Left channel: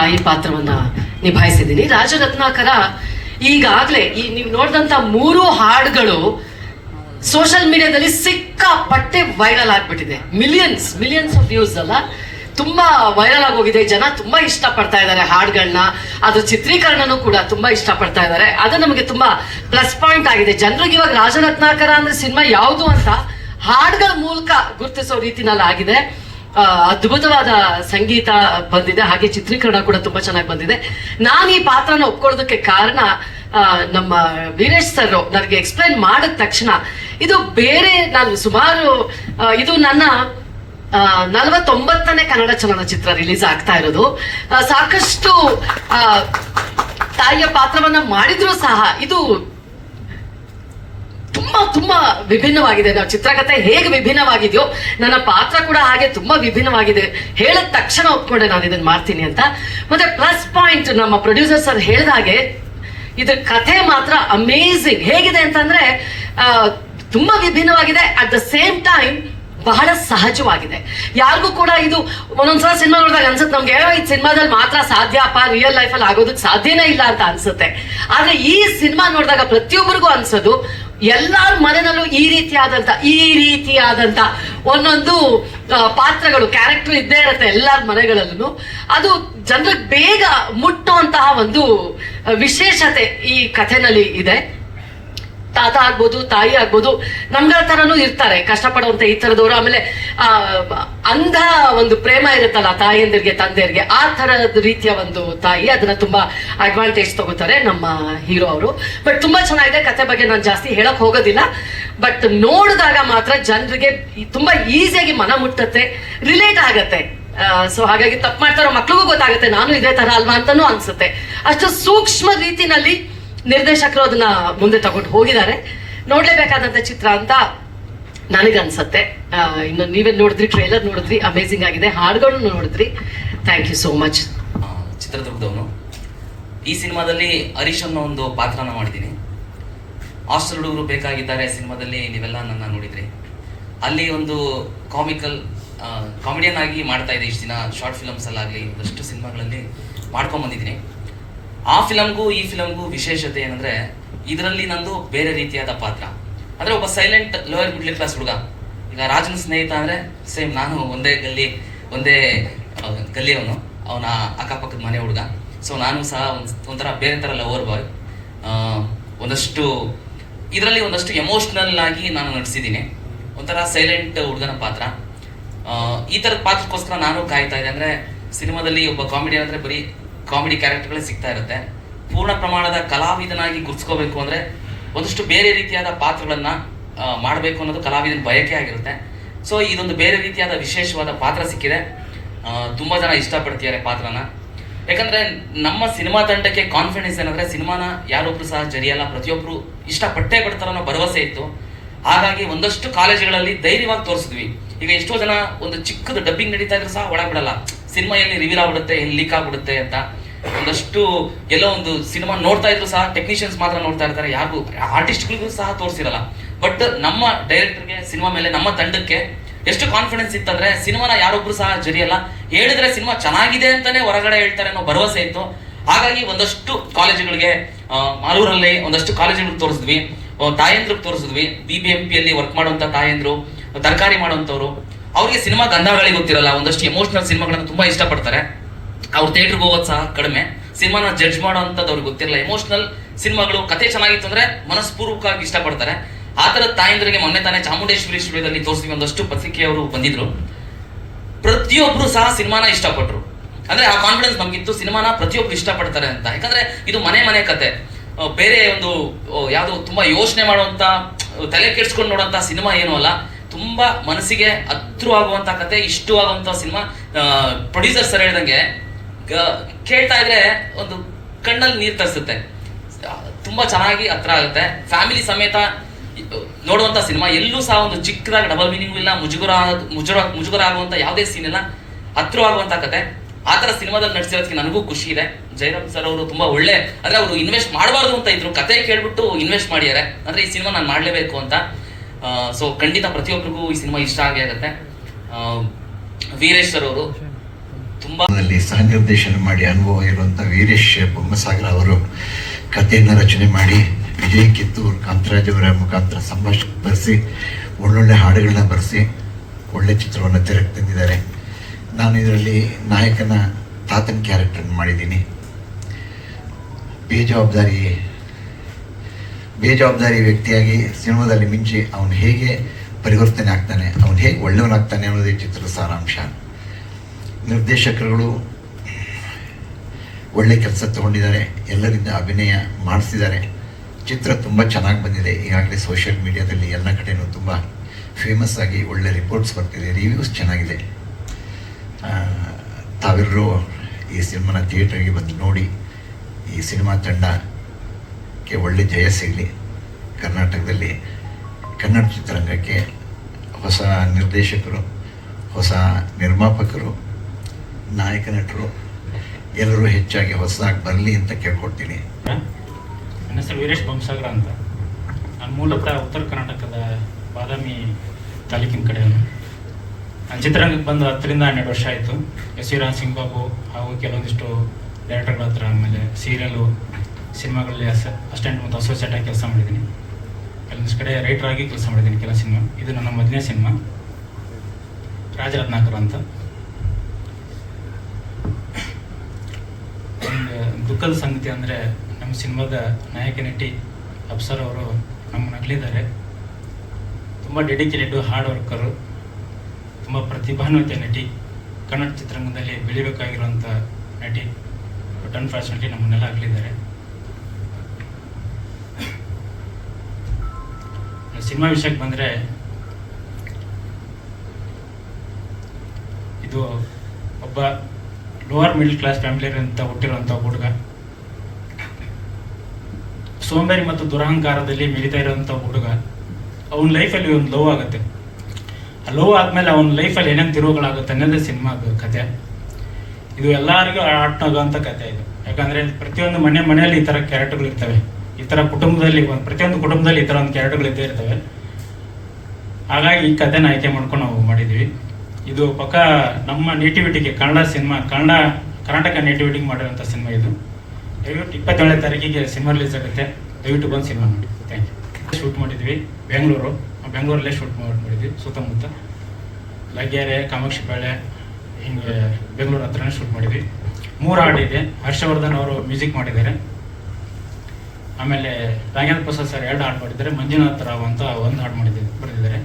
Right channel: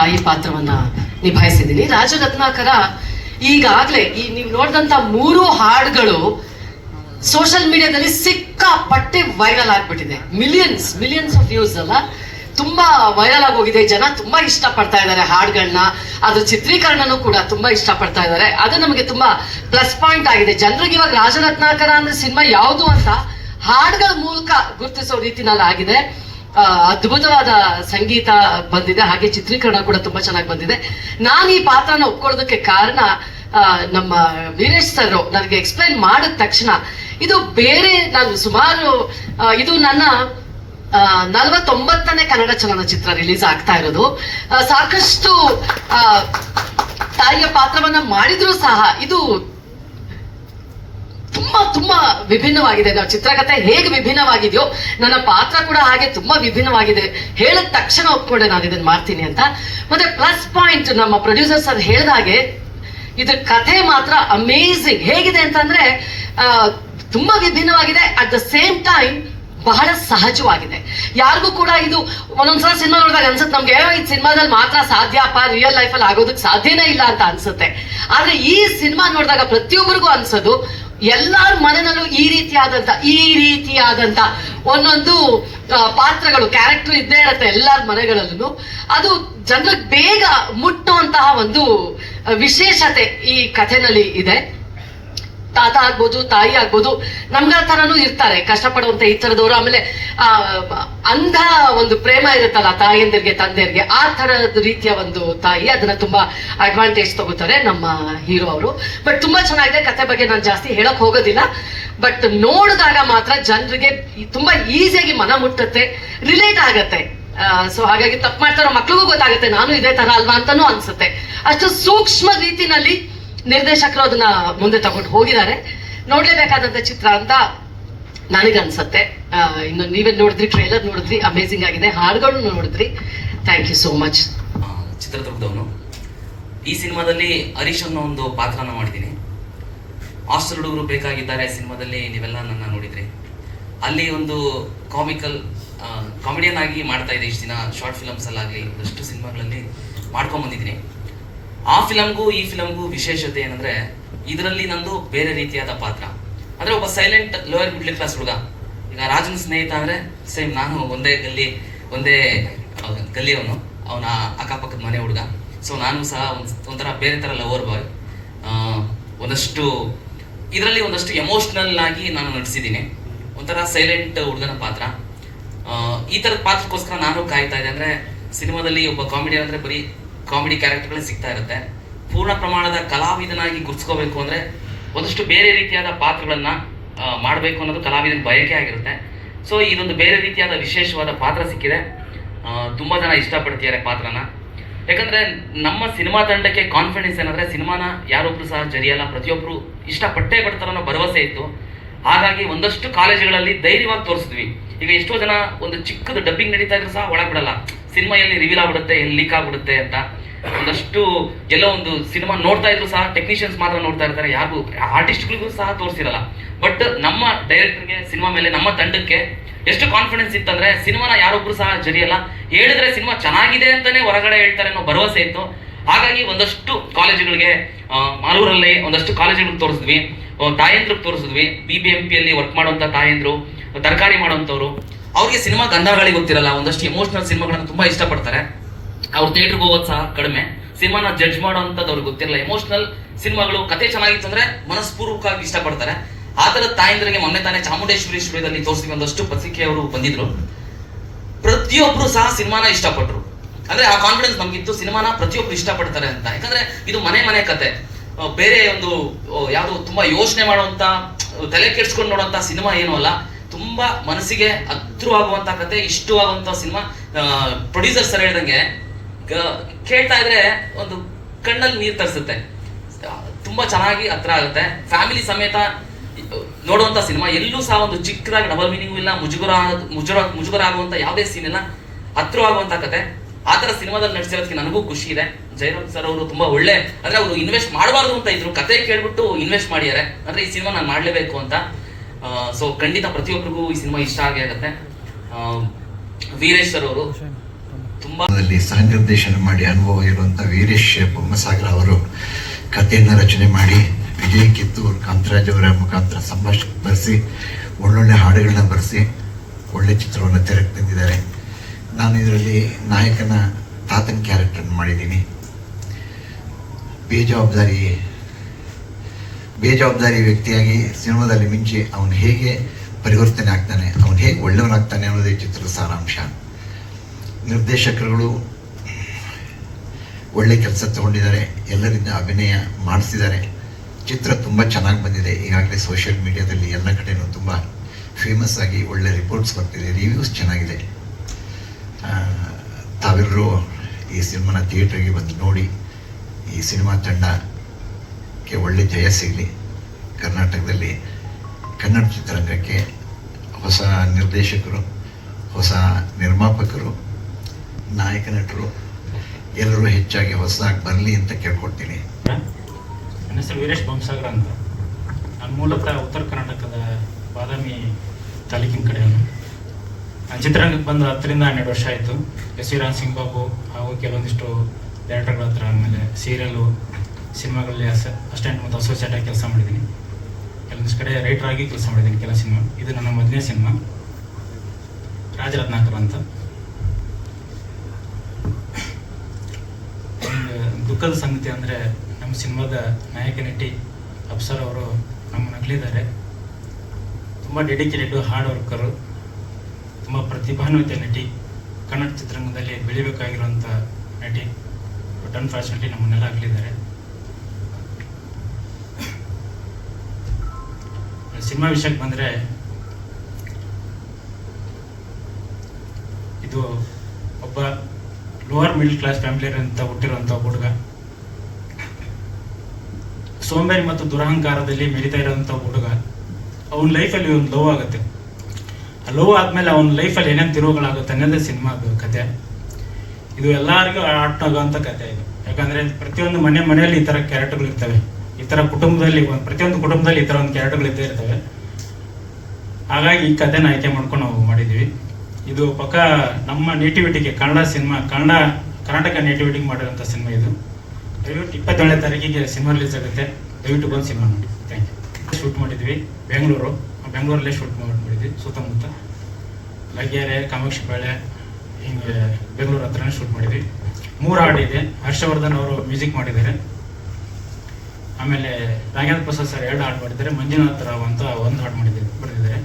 ತಾಯಿ ಪಾತ್ರವನ್ನ ನಿಭಾಯಿಸಿದ್ದೀನಿ. ರಾಜರತ್ನಾಕರ ಈಗಾಗಲೇ ಈ ನೀವು ನೋಡಿದಂತ ಮೂರು ಹಾಡುಗಳು ಸೋಷಿಯಲ್ ಮೀಡಿಯಾದಲ್ಲಿ ಸಿಕ್ಕಾಪಟ್ಟೆ ವೈರಲ್ ಆಗ್ಬಿಟ್ಟಿದೆ. ಮಿಲಿಯನ್ಸ್ ಮಿಲಿಯನ್ಸ್ ಆಫ್ ವ್ಯೂಸ್ ಅಲ್ಲ. ತುಂಬಾ ವೈರಲ್ ಆಗೋಗಿದೆ. ಜನ ತುಂಬಾ ಇಷ್ಟ ಪಡ್ತಾ ಇದ್ದಾರೆ ಹಾಡುಗಳನ್ನ. ಅದ್ರ ಚಿತ್ರೀಕರಣನೂ ಕೂಡ ತುಂಬಾ ಇಷ್ಟ ಪಡ್ತಾ ಇದ್ದಾರೆ. ಅದು ನಮಗೆ ತುಂಬಾ ಪ್ಲಸ್ ಪಾಯಿಂಟ್ ಆಗಿದೆ. ಜನರಿಗೆ ಇವಾಗ ರಾಜರತ್ನಾಕರ ಅಂದ್ರೆ ಸಿನಿಮಾ ಯಾವುದು ಅಂತ ಹಾಡುಗಳ ಮೂಲಕ ಗುರುತಿಸೋ ರೀತಿನಲ್ಲಿ ಆಗಿದೆ ಅದ್ಭುತವಾದ ಸಂಗೀತ ಬಂದಿದೆ. ಹಾಗೆ ಚಿತ್ರೀಕರಣ ಕೂಡ ತುಂಬಾ ಚೆನ್ನಾಗಿ ಬಂದಿದೆ. ನಾನು ಈ ಪಾತ್ರನ ಒಪ್ಕೊಳ್ಳೋದಕ್ಕೆ ಕಾರಣ ನಮ್ಮ ವೀರೇಶ್ ಸರ್ ನನಗೆ ಎಕ್ಸ್ಪ್ಲೈನ್ ಮಾಡಿದ ತಕ್ಷಣ, ಇದು ಬೇರೆ ನಾನು ಸುಮಾರು ಇದು ನನ್ನ ನಲವತ್ತೊಂಬತ್ತನೇ ಕನ್ನಡ ಚಲನಚಿತ್ರ ರಿಲೀಸ್ ಆಗ್ತಾ ಇರೋದು. ಸಾಕಷ್ಟು ತಾಯಿಯ ಪಾತ್ರವನ್ನ ಮಾಡಿದ್ರು ಸಹ ಇದು ತುಂಬಾ ತುಂಬಾ ವಿಭಿನ್ನವಾಗಿದೆ. ನಾವು ಚಿತ್ರಕಥೆ ಹೇಗೆ ವಿಭಿನ್ನವಾಗಿದೆಯೋ, ನನ್ನ ಪಾತ್ರ ಕೂಡ ಹಾಗೆ ತುಂಬಾ ವಿಭಿನ್ನವಾಗಿದೆ. ಹೇಳಿದ ತಕ್ಷಣ ಒಪ್ಕೊಂಡೆ ನಾನು ಇದನ್ನ ಮಾಡ್ತೀನಿ ಅಂತ. ಮತ್ತೆ ಪ್ಲಸ್ ಪಾಯಿಂಟ್ ನಮ್ಮ ಪ್ರೊಡ್ಯೂಸರ್ ಸರ್ ಹೇಳಿದ ಹಾಗೆ, ಇದ್ರ ಕಥೆ ಮಾತ್ರ ಅಮೇಝಿಂಗ್ ಹೇಗಿದೆ ಅಂತಂದ್ರೆ ತುಂಬಾ ವಿಭಿನ್ನವಾಗಿದೆ. ಅಟ್ ದ ಸೇಮ್ ಟೈಮ್ ಬಹಳ ಸಹಜವಾಗಿದೆ. ಯಾರಿಗೂ ಕೂಡ ಇದು ಒಂದೊಂದ್ಸಲ ಸಿನಿಮಾ ನೋಡಿದಾಗ ಅನ್ಸುತ್ತೆ, ನಮ್ಗೆ ಈ ಸಿನಿಮಾದಲ್ಲಿ ಮಾತ್ರ ಸಾಧ್ಯಪ್ಪ ರಿಯಲ್ ಲೈಫಲ್ಲಿ ಆಗೋದಕ್ಕೆ ಸಾಧ್ಯನೇ ಇಲ್ಲ ಅಂತ ಅನ್ಸುತ್ತೆ. ಆದ್ರೆ ಈ ಸಿನಿಮಾ ನೋಡಿದಾಗ ಪ್ರತಿಯೊಬ್ಬರಿಗೂ ಅನ್ಸೋದು ಎಲ್ಲಾರ ಮನೆಯಲ್ಲೂ ಈ ರೀತಿಯಾದಂತ ಈ ರೀತಿಯಾದಂತ ಒಂದೊಂದು ಪಾತ್ರಗಳು ಕ್ಯಾರೆಕ್ಟರ್ ಇದ್ದೇ ಇರುತ್ತೆ ಎಲ್ಲಾರ ಮನೆಗಳಲ್ಲೂ. ಅದು ಜನರಿಗೆ ಬೇಗ ಮುಟ್ಟುವಂತಹ ಒಂದು ವಿಶೇಷತೆ ಈ ಕಥೆನಲ್ಲಿ ಇದೆ. ತಾತ ಆಗ್ಬೋದು, ತಾಯಿ ಆಗ್ಬೋದು, ನಮ್ಗಳ ತರನು ಇರ್ತಾರೆ. ಕಷ್ಟಪಡುವಂತ ಈ ತರದವರು. ಆಮೇಲೆ, ಆ, ಅಂಧ ಒಂದು ಪ್ರೇಮ ಇರುತ್ತಲ್ಲ ತಾಯಿಯಂದಿರ್ಗೆ ತಂದೆಯರಿಗೆ ಆ ತರದ ರೀತಿಯ ಒಂದು ತಾಯಿ ಅದನ್ನ ತುಂಬಾ ಅಡ್ವಾಂಟೇಜ್ ತಗೋತಾರೆ ನಮ್ಮ ಹೀರೋ ಅವರು. ಬಟ್ ತುಂಬಾ ಚೆನ್ನಾಗಿದೆ. ಕತೆ ಬಗ್ಗೆ ನಾನು ಜಾಸ್ತಿ ಹೇಳಕ್ ಹೋಗೋದಿಲ್ಲ. ಬಟ್ ನೋಡಿದಾಗ ಮಾತ್ರ ಜನರಿಗೆ ತುಂಬಾ ಈಸಿಯಾಗಿ ಮನ ಮುಟ್ಟತ್ತೆ ರಿಲೇಟ್ ಆಗತ್ತೆ. ಸೊ ಹಾಗಾಗಿ ತಪ್ಪು ಮಾಡ್ತಾರೋ ಮಕ್ಳಿಗೂ ಗೊತ್ತಾಗುತ್ತೆ, ನಾನು ಇದೇ ತರ ಅಲ್ವಾ ಅಂತಾನೂ ಅನ್ಸುತ್ತೆ. ಅಷ್ಟು ಸೂಕ್ಷ್ಮ ರೀತಿನಲ್ಲಿ ನಿರ್ದೇಶಕರು ಅದನ್ನ ಮುಂದೆ ತಗೊಂಡು ಹೋಗಿದ್ದಾರೆ. ನೋಡ್ಲೇಬೇಕಾದಂತ ಚಿತ್ರ ಅಂತ ನನಗನ್ಸತ್ತೆ ಇನ್ನು ನೀವೇ ನೋಡಿದ್ರಿ ಟ್ರೈಲರ್ ನೋಡಿದ್ರಿ ಅಮೇಸಿಂಗ್ ಆಗಿದೆ. ಹಾಡುಗಳನ್ನು ನೋಡಿದ್ರಿ. ಥ್ಯಾಂಕ್ ಯು ಸೋ ಮಚ್ ಚಿತ್ರದುರ್ಗದವನು. ಈ ಸಿನಿಮಾದಲ್ಲಿ ಹರೀಶ್ ಅನ್ನೋ ಒಂದು ಪಾತ್ರನ ಮಾಡಿದ್ದೀನಿ. ಹಾಸ್ಟೆಲ್ ಹುಡುಗರು ಬೇಕಾಗಿದ್ದಾರೆ ಸಿನಿಮಾದಲ್ಲಿ, ನೀವೆಲ್ಲ ನನ್ನ ನೋಡಿದ್ರಿ. ಅಲ್ಲಿ ಒಂದು ಕಾಮಿಕಲ್ ಕಾಮಿಡಿಯನ್ ಆಗಿ ಮಾಡ್ತಾ ಇದೆ ಇಷ್ಟು ದಿನ. ಶಾರ್ಟ್ ಫಿಲಮ್ಸ್ ಅಲ್ಲಾಗಲಿ, ಒಂದಷ್ಟು ಸಿನಿಮಾಗಳಲ್ಲಿ ಮಾಡ್ಕೊಂಡ್ ಬಂದಿದ್ದೀನಿ. ಆ ಫಿಲಮ್ಗೂ ಈ ಫಿಲಮ್ಗೂ ವಿಶೇಷತೆ ಏನಂದ್ರೆ ಇದರಲ್ಲಿ ನಂದು ಬೇರೆ ರೀತಿಯಾದ ಪಾತ್ರ. ಅಂದ್ರೆ ಒಬ್ಬ ಸೈಲೆಂಟ್ ಲೋಯರ್ ಮಿಡ್ಲ್ ಕ್ಲಾಸ್ ಹುಡುಗ. ಈಗ ರಾಜನ ಸ್ನೇಹಿತ ಅಂದ್ರೆ ಸೇಮ್ ನಾನು ಒಂದೇ ಗಲ್ಲಿ, ಒಂದೇ ಗಲ್ಲಿಯವನು, ಅವನ ಅಕ್ಕಪಕ್ಕದ ಮನೆ ಹುಡುಗ. ಸೊ ನಾನು ಸಹ ಒಂಥರ ಬೇರೆ ತರ ಲವರ್ ಬಾಯ್ ಒಂದಷ್ಟು, ಇದರಲ್ಲಿ ಒಂದಷ್ಟು ಎಮೋಷ್ನಲ್ ಆಗಿ ನಾನು ನಟಿಸಿದ್ದೀನಿ ಒಂಥರ ಸೈಲೆಂಟ್ ಹುಡುಗನ ಪಾತ್ರ. ಈ ತರದ ಪಾತ್ರಕ್ಕೋಸ್ಕರ ನಾನು ಕಾಯ್ತಾ ಇದ್ದೆ. ಅಂದ್ರೆ ಸಿನಿಮಾದಲ್ಲಿ ಒಬ್ಬ ಕಾಮಿಡಿಯನ್ ಅಂದರೆ ಬರೀ ಕಾಮಿಡಿ ಕ್ಯಾರೆಕ್ಟರ್ಗಳೇ ಸಿಗ್ತಾ ಇರುತ್ತೆ. ಪೂರ್ಣ ಪ್ರಮಾಣದ ಕಲಾವಿದನಾಗಿ ಗುರ್ಸ್ಕೋಬೇಕು ಅಂದ್ರೆ ಒಂದಷ್ಟು ಬೇರೆ ರೀತಿಯಾದ ಪಾತ್ರಗಳನ್ನ ಮಾಡಬೇಕು ಅನ್ನೋದು ಕಲಾವಿದನ ಬಯಕೆ ಆಗಿರುತ್ತೆ. ಸೊ ಇದೊಂದು ಬೇರೆ ರೀತಿಯಾದ ವಿಶೇಷವಾದ ಪಾತ್ರ ಸಿಕ್ಕಿದೆ. ತುಂಬ ಜನ ಇಷ್ಟಪಡ್ತಿದ್ದಾರೆ ಪಾತ್ರನ. ಯಾಕಂದ್ರೆ ನಮ್ಮ ಸಿನಿಮಾ ತಂಡಕ್ಕೆ ಕಾನ್ಫಿಡೆನ್ಸ್ ಏನಂದ್ರೆ ಸಿನಿಮಾನ ಯಾರೊಬ್ರು ಸಹ ಜರಿಯಲ್ಲ ಪ್ರತಿಯೊಬ್ಬರು ಇಷ್ಟಪಟ್ಟೇ ಬಿಡ್ತಾರ ಅನ್ನೋ ಭರವಸೆ ಇತ್ತು. ಹಾಗಾಗಿ ಒಂದಷ್ಟು ಕಾಲೇಜುಗಳಲ್ಲಿ ಧೈರ್ಯವಾಗಿ ತೋರಿಸಿದ್ವಿ. ಈಗ ಎಷ್ಟೋ ಜನ ಒಂದು ಚಿಕ್ಕದು ಡಬ್ಬಿಂಗ್ ನಡೀತಾ ಇದ್ರು ಸಹ ಒಳಗೆ ಬಿಡಲ್ಲ. ಸಿನಿಮಾ ಎಲ್ಲಿ ರಿವೀಲ್ ಆಗ್ಬಿಡುತ್ತೆ, ಎಲ್ಲಿ ಲೀಕ್ ಆಗ್ಬಿಡುತ್ತೆ ಅಂತ. ಒಂದಷ್ಟು ಎಲ್ಲೋ ಒಂದು ಸಿನಿಮಾ ನೋಡ್ತಾ ಇದ್ರು ಸಹ ಟೆಕ್ನಿಷಿಯನ್ಸ್ ಮಾತ್ರ ನೋಡ್ತಾ ಇರ್ತಾರೆ. ಯಾರು ಆರ್ಟಿಸ್ಟ್ಗಳಿಗೂ ಸಹ ತೋರಿಸಿರಲ್ಲ. ಬಟ್ ನಮ್ಮ ಡೈರೆಕ್ಟರ್ಗೆ ಸಿನಿಮಾ ಮೇಲೆ, ನಮ್ಮ ತಂಡಕ್ಕೆ ಎಷ್ಟು ಕಾನ್ಫಿಡೆನ್ಸ್ ಇತ್ತಂದ್ರೆ, ಸಿನಿಮಾನ ಯಾರೊಬ್ರು ಸಹ ಜರಿಯಲ್ಲ. ಹೇಳಿದ್ರೆ ಸಿನಿಮಾ ಚೆನ್ನಾಗಿದೆ ಅಂತಾನೆ ಹೊರಗಡೆ ಹೇಳ್ತಾರೆ ಅನ್ನೋ ಭರವಸೆ ಇತ್ತು. ಹಾಗಾಗಿ ಒಂದಷ್ಟು ಕಾಲೇಜುಗಳಿಗೆ ಮಾಲೂರಲ್ಲಿ ಒಂದಷ್ಟು ಕಾಲೇಜುಗಳಿಗೆ ತೋರಿಸಿದ್ವಿ. ತಾಯಂದ್ರಿಗೆ ತೋರಿಸಿದ್ವಿ. ಬಿ ಬಿ ಎಂ ಪಿಯಲ್ಲಿ ವರ್ಕ್ ಮಾಡುವಂತ ತಾಯಂದ್ರು, ತರಕಾರಿ ಮಾಡುವಂತವ್ರು. ಅವ್ರಿಗೆ ಸಿನಿಮಾ ಗಂಧಗಳಿಗೆ ಗೊತ್ತಿರಲ್ಲ, ಒಂದಷ್ಟು ಎಮೋಷನಲ್ ಸಿನಿಮಾಗಳನ್ನು ತುಂಬಾ ಇಷ್ಟಪಡ್ತಾರೆ. ಅವ್ರು ಥಿಯೇಟರ್ಗೆ ಹೋಗೋದು ಸಹ ಕಡಿಮೆ. ಸಿನಿಮಾನ ಜಡ್ಜ್ ಮಾಡೋಂಥದ್ದು ಅವ್ರಿಗೆ ಗೊತ್ತಿರಲ್ಲ ಎಮೋಷನಲ್ ಸಿನಿಮಾಗಳು, ಕತೆ ಚೆನ್ನಾಗಿತ್ತು ಅಂದ್ರೆ ಮನಸ್ಪೂರ್ವಕವಾಗಿ ಇಷ್ಟಪಡ್ತಾರೆ. ಆ ಥರ ತಾಯಂದ್ರಿಗೆ ಮೊನ್ನೆ ತಾನೇ ಚಾಮುಂಡೇಶ್ವರಿ ಸ್ಟುಡಿಯೋದಲ್ಲಿ ತೋರಿಸಿ ಒಂದಷ್ಟು ಪತ್ರಿಕೆಯವರು ಬಂದಿದ್ರು. ಪ್ರತಿಯೊಬ್ರು ಸಹ ಸಿನಿಮಾನ ಇಷ್ಟಪಟ್ರು. ಅಂದ್ರೆ ಆ ಕಾನ್ಫಿಡೆನ್ಸ್ ಬಂದಿತ್ತು ಸಿನಿಮಾನ ಪ್ರತಿಯೊಬ್ರು ಇಷ್ಟಪಡ್ತಾರೆ ಅಂತ. ಯಾಕಂದ್ರೆ ಇದು ಮನೆ ಮನೆ ಕತೆ. ಬೇರೆ ಒಂದು ಯಾವುದು ತುಂಬಾ ಯೋಚನೆ ಮಾಡುವಂತ, ತಲೆ ಕೆಡ್ಸ್ಕೊಂಡು ನೋಡುವಂತ ಸಿನಿಮಾ ಏನೂ ಅಲ್ಲ. ತುಂಬಾ ಮನಸ್ಸಿಗೆ ಹತ್ರವಾಗುವಂತ ಕತೆ, ಇಷ್ಟವಾಗುವಂತ ಸಿನಿಮಾ ಪ್ರೊಡ್ಯೂಸರ್ ಸರ್ ಹೇಳ್ದಂಗೆ ಕೇಳ್ತಾ ಇದ್ರೆ ಒಂದು ಕಣ್ಣಲ್ಲಿ ನೀರು ತರಿಸುತ್ತೆ. ತುಂಬಾ ಚೆನ್ನಾಗಿ ಹತ್ರ ಆಗುತ್ತೆ. ಫ್ಯಾಮಿಲಿ ಸಮೇತ ನೋಡುವಂತ ಸಿನಿಮಾ, ಎಲ್ಲೂ ಸಹ ಒಂದು ಚಿಕ್ಕ ಡಬಲ್ ಮೀನಿಂಗ್ ಇಲ್ಲ, ಮುಜುಗರ, ಮುಜುರ, ಮುಜುಗರ ಆಗುವಂತ ಯಾವುದೇ ಸೀನ್ ಇಲ್ಲ ಹತ್ರವಾಗುವಂತ ಕತೆ. ಆ ತರ ಸಿನಿಮಾದಲ್ಲಿ ನಡೆಸಿರೋದಕ್ಕೆ ನನಗೂ ಖುಷಿ ಇದೆ. ಜಯರಾಮ್ ಸರ್ ಅವರು ತುಂಬಾ ಒಳ್ಳೆ, ಅಂದ್ರೆ ಅವರು ಇನ್ವೆಸ್ಟ್ ಮಾಡಬಾರ್ದು ಅಂತ ಇದ್ರು. ಕತೆ ಕೇಳ್ಬಿಟ್ಟು ಇನ್ವೆಸ್ಟ್ ಮಾಡಿದ್ದಾರೆ. ಅಂದ್ರೆ ಈ ಸಿನಿಮಾ ನಾನು ಮಾಡಲೇಬೇಕು ಅಂತ. ಸೊ ಖಂಡಿತ ಪ್ರತಿಯೊಬ್ಬರಿಗೂ ಈ ಸಿನಿಮಾ ಇಷ್ಟ ಆಗೇ ಆಗುತ್ತೆ. ವೀರೇಶ್ ಸರ್ ಅವರು. ತುಂಬಾ ದಲ್ಲಿ ಸಹ ನಿರ್ದೇಶನ ಮಾಡಿ ಅನುಭವ ಇರುವಂಥ ವೀರೇಶ್ ಬೊಮ್ಮಸಾಗರ ಅವರು ಕಥೆಯನ್ನು ರಚನೆ ಮಾಡಿ ವಿಜಯ್ ಕಿತ್ತೂರು ಕಾಂತರಾಜ್ ಅವರ ಮುಖಾಂತರ ಸಂಭಾಷಣೆ ಬರೆಸಿ, ಒಳ್ಳೊಳ್ಳೆ ಹಾಡುಗಳನ್ನ ಬರೆಸಿ, ಒಳ್ಳೆ ಚಿತ್ರವನ್ನು ತೆರೆಗೆ ತಂದಿದ್ದಾರೆ. ನಾನು ಇದರಲ್ಲಿ ನಾಯಕನ ತಾತನ ಕ್ಯಾರೆಕ್ಟರ್ ಮಾಡಿದ್ದೀನಿ. ಬೇಜವಾಬ್ದಾರಿ ಬೇಜವಾಬ್ದಾರಿ ವ್ಯಕ್ತಿಯಾಗಿ ಸಿನಿಮಾದಲ್ಲಿ ಮಿಂಚಿ ಅವನು ಹೇಗೆ ಪರಿವರ್ತನೆ ಆಗ್ತಾನೆ, ಅವನು ಹೇಗೆ ಒಳ್ಳೆಯವನಾಗ್ತಾನೆ ಅನ್ನೋದೇ ಚಿತ್ರದ ಸಾರಾಂಶ. ನಿರ್ದೇಶಕರುಗಳು, ಒಳ್ಳೆ ಕೆಲಸ ತಗೊಂಡಿದ್ದಾರೆ, ಎಲ್ಲರಿಂದ ಅಭಿನಯ ಮಾಡಿಸಿದ್ದಾರೆ ಚಿತ್ರ ತುಂಬ ಚೆನ್ನಾಗಿ ಬಂದಿದೆ. ಈಗಾಗಲೇ ಸೋಷಿಯಲ್ ಮೀಡಿಯಾದಲ್ಲಿ ಎಲ್ಲ ಕಡೆಯೂ ತುಂಬ ಫೇಮಸ್ ಆಗಿ ಒಳ್ಳೆ ರಿಪೋರ್ಟ್ಸ್ ಬರ್ತಿದೆ ರಿವ್ಯೂಸ್ ಚೆನ್ನಾಗಿದೆ. ತಾವೆಲ್ಲರೂ ಈ ಸಿನಿಮಾನ ಥಿಯೇಟರ್ಗೆ ಬಂದು ನೋಡಿ, ಈ ಸಿನಿಮಾ ತಂಡಕ್ಕೆ ಒಳ್ಳೆ ಜಯ ಸಿಗಲಿ. ಕರ್ನಾಟಕದಲ್ಲಿ ಕನ್ನಡ ಚಿತ್ರರಂಗಕ್ಕೆ ಹೊಸ ನಿರ್ದೇಶಕರು, ಹೊಸ ನಿರ್ಮಾಪಕರು ನಾಯಕ ನಟರು ಎಲ್ಲರೂ ಹೆಚ್ಚಾಗಿ ಹೊಸದಾಗಿ ಬರಲಿ ಅಂತ ಕೇಳ್ಕೊಡ್ತೀನಿ. ನನ್ನ ಹೆಸರು ವೀರೇಶ್ ಬೊಮ್ಮಸಾಗರ ಅಂತ. ನಾನು ಮೂಲತಃ ಉತ್ತರ ಕರ್ನಾಟಕದ ಬಾದಾಮಿ ತಾಲೂಕಿನ ಕಡೆ ನಾನು ಚಿತ್ರರಂಗಕ್ಕೆ ಬಂದು ಹತ್ತರಿಂದ ಹನ್ನೆರಡು ವರ್ಷ ಆಯಿತು. ಎಸ್ ರಾಮ್ ಸಿಂಗ್ ಬಾಬು ಹಾಗೂ ಕೆಲವೊಂದಿಷ್ಟು ಡೈರೆಕ್ಟರ್ಗಳ ಹತ್ರ ಆಮೇಲೆ ಸೀರಿಯಲು, ಸಿನಿಮಾಗಳಲ್ಲಿ ಅಸಿಸ್ಟೆಂಟ್ ಮತ್ತು ಅಸೋಸಿಯೇಟ್ ಆಗಿ ಕೆಲಸ ಮಾಡಿದ್ದೀನಿ. ಕೆಲವೊಂದಿಷ್ಟು ಕಡೆ ಆಗಿ ಕೆಲಸ ಮಾಡಿದ್ದೀನಿ ಕೆಲವು ಸಿನಿಮಾ. ಇದು ನನ್ನ ಮೊದಲನೇ ಸಿನಿಮಾ. ರಾಜರತ್ನಾಕರ್ ಅಂತ ಒಂದು ದುಃಖದ ಸಂಗತಿ ಅಂದರೆ ನಮ್ಮ ಸಿನಿಮಾದ ನಾಯಕ ನಟಿ ಅಪ್ಸರ್ ಅವರು ನಮ್ಮ ನಗಲಿದ್ದಾರೆ. ತುಂಬ ಡೆಡಿಕೇಟೆಡ್ ಹಾರ್ಡ್ ವರ್ಕರು ತುಂಬ ಪ್ರತಿಭಾನ್ವಿತ ನಟಿ. ಕನ್ನಡ ಚಿತ್ರರಂಗದಲ್ಲಿ ಬೆಳಿಬೇಕಾಗಿರುವಂಥ ನಟಿ ಬಟ್ ಅನ್ಫಾರ್ಚುನೇಟ್ಲಿ ನಮ್ಮನ್ನೆಲ್ಲ ಆಗಲಿದ್ದಾರೆ ಸಿನಿಮಾ ವಿಷಯಕ್ಕೆ ಬಂದರೆ ಇದು ಒಬ್ಬ ಲೋವರ್ ಮಿಡಲ್ ಕ್ಲಾಸ್ ಫ್ಯಾಮಿಲಿಯಂತ ಹುಟ್ಟಿರುವಂಥ ಹುಡುಗ. ಸೋಂಬೇರಿ ಮತ್ತು ದುರಹಂಕಾರದಲ್ಲಿ ಮಿಡಿತಾ ಇರೋಂಥ ಹುಡುಗ, ಅವನ ಲೈಫಲ್ಲಿ ಒಂದು ಲೋ ಆಗುತ್ತೆ. ಆ ಲೋ ಆದಮೇಲೆ ಅವನ ಲೈಫಲ್ಲಿ ಏನೇನು ತಿರುವುಗಳಾಗುತ್ತೆ ಅನ್ನೋದೇ ಸಿನಿಮಾ ಕತೆ. ಇದು ಎಲ್ಲರಿಗೂ ಆಟ ಆಗುವಂಥ ಕತೆ ಇದು. ಯಾಕಂದರೆ ಪ್ರತಿಯೊಂದು ಮನೆ ಮನೆಯಲ್ಲಿ ಈ ಥರ ಕ್ಯಾರೆಕ್ಟರ್ಗಳು ಇರ್ತವೆ. ಈ ಥರ ಕುಟುಂಬದಲ್ಲಿ ಒಂದು, ಪ್ರತಿಯೊಂದು ಕುಟುಂಬದಲ್ಲಿ ಈ ಥರ ಒಂದು ಕ್ಯಾರೆಕ್ಟರ್ಗಳು ಇದ್ದೇ ಇರ್ತವೆ. ಹಾಗಾಗಿ ಈ ಕಥೆನ ಆಯ್ಕೆ ಮಾಡ್ಕೊಂಡು ನಾವು ಮಾಡಿದ್ವಿ. ಇದು ಪಕ್ಕ ನಮ್ಮ ನೇಟಿವಿಟಿಗೆ ಕನ್ನಡ ಸಿನಿಮಾ ಕನ್ನಡ, ಕರ್ನಾಟಕ ನೇಟಿವಿಟಿಗೆ ಮಾಡಿರೋಂಥ ಸಿನಿಮಾ ಇದು. ದಯವಿಟ್ಟು ಇಪ್ಪತ್ತೇಳನೇ ತಾರೀಕಿಗೆ ಸಿನಿಮಾ ರಿಲೀಸ್ ಆಗುತ್ತೆ. ದಯವಿಟ್ಟು ಬಂದು ಸಿನಿಮಾ ನೋಡಿ. ಥ್ಯಾಂಕ್ ಯು ಶೂಟ್ ಮಾಡಿದ್ವಿ. ಬೆಂಗಳೂರು. ಬೆಂಗಳೂರಲ್ಲೇ ಶೂಟ್ ಮಾಡಿದ್ವಿ. ಸುತ್ತಮುತ್ತ ಲಗ್ಗೆರೆ ಕಾಮಾಕ್ಷಿಪಾಳೆ ಹಿಂಗೆ ಬೆಂಗಳೂರು ಹತ್ರನೇ ಶೂಟ್ ಮಾಡಿದ್ವಿ. ಮೂರು ಇದೆ. ಹರ್ಷವರ್ಧನ್ ಅವರು ಮ್ಯೂಸಿಕ್ ಮಾಡಿದ್ದಾರೆ. ಆಮೇಲೆ ನಾಗೇಂದ್ರ ಪ್ರಸಾದ್ ಸರ್ ಎರಡು ಹಾಡು ಮಾಡಿದ್ದಾರೆ. ಮಂಜುನಾಥ್ ರಾವ್ ಅಂತ ಒಂದು ಹಾಡು ಮಾಡಿದ್ದಾರೆ ಬರೆದಿದ್ದಾರೆ.